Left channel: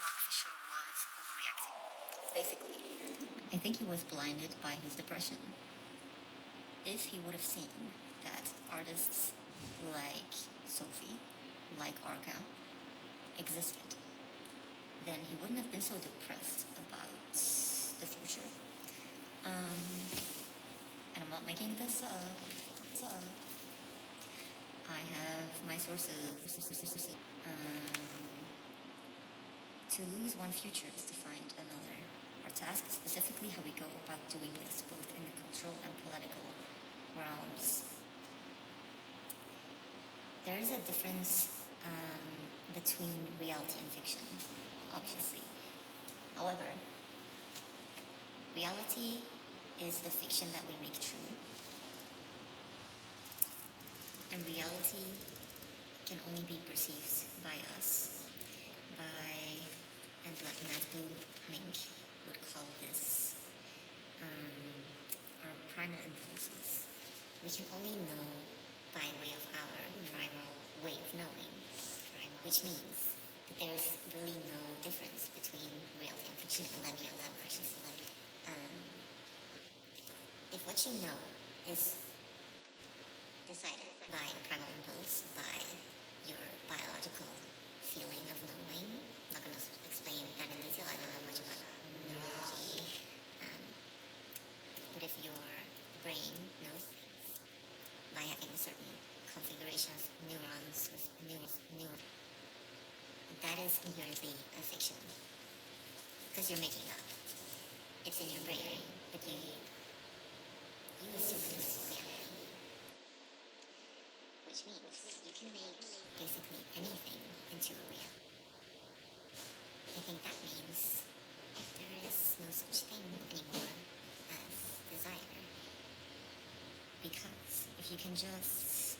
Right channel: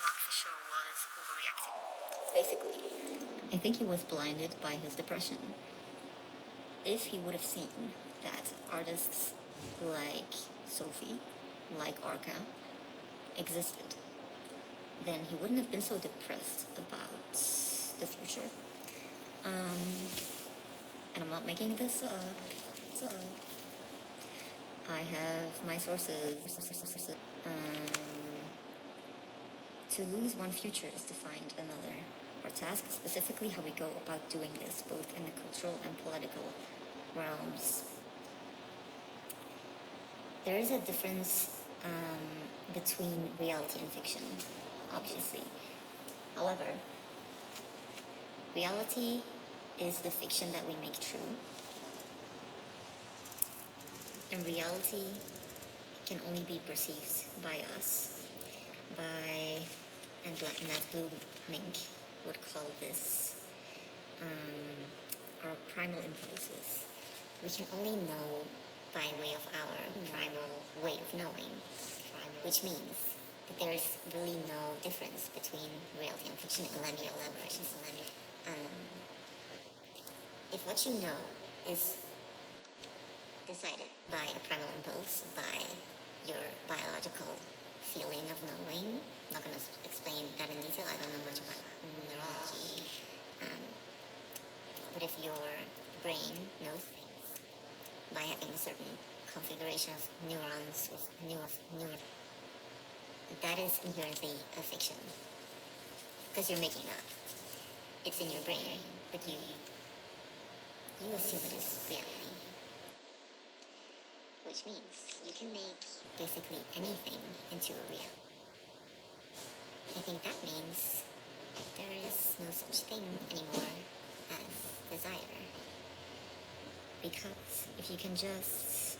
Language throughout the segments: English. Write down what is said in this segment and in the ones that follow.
Mark Fisher was overreacting. Basically, I think he was blinded by his depression. If he would have seen that artists like Sophie, like Arca, existed, then he wouldn't have been so depressed about the future. And I'm not making this up. I have my sources. To lose one future is to find another. Our task is specifically how we go about doing this, both in the cultural and political realms. There is a difference between reality and fiction, obviously. However, reality is the fiction that we make true. And reality can only be perceived by us, and like Matt Bloomink would call this, our primal impulses. We can only know by way of our primal way of knowing, which means that there is really no difference between reality and fiction. If what you know is decided by a primal impulse, by your biological feeling of knowing, I'm not going to explain that in detail, I don't know much about neurology, but if your brain knows things by having a certain configuration of neurons, that is inherently a fiction, because you're making up. It's in your brain, but you assume it is reality. Which means you can make basically anything into a reality. I think that means there is no such thing anymore as desire. Because if you can just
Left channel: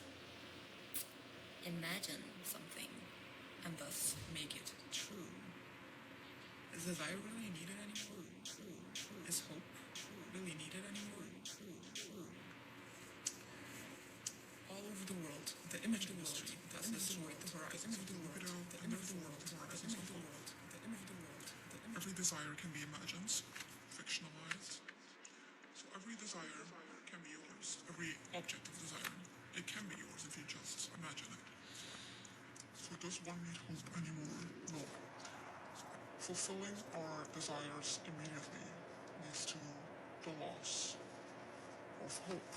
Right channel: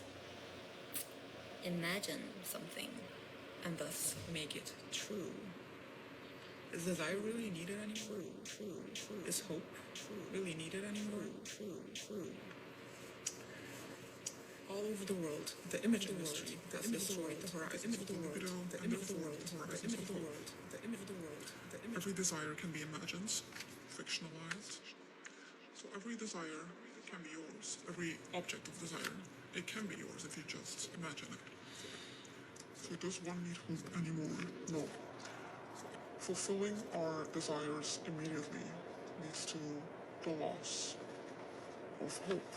imagine something and thus make it true, is desire really needed anymore? True. Is hope really needed anymore? True. All over the world, the image industry, the image of the world, every desire can be imagined, fictionalized. So every desire can be yours. Every object of desire, it can be yours if you just imagine it. So does one need hope anymore? No. So fulfilling our desires immediately leads to the loss of hope.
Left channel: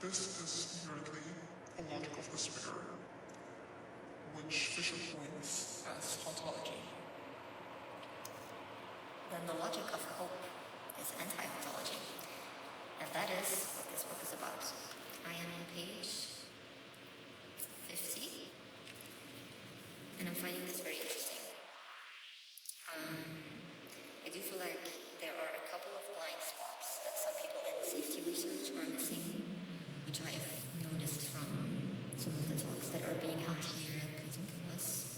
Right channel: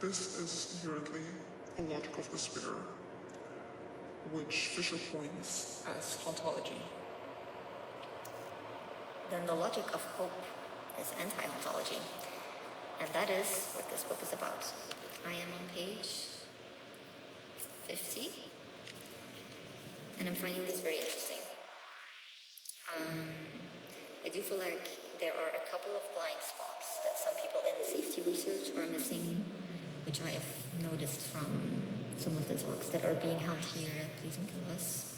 This is inherently a logic of despair, which Fisher coins as ontology. then the logic of hope is anti-ontology. And that is what this book is about. I am on page 50, and I'm finding this very interesting. I do feel like there are a couple of blind spots that some people in safety research are missing, which I have noticed from some of the talks that are being held here at Please Kill Us.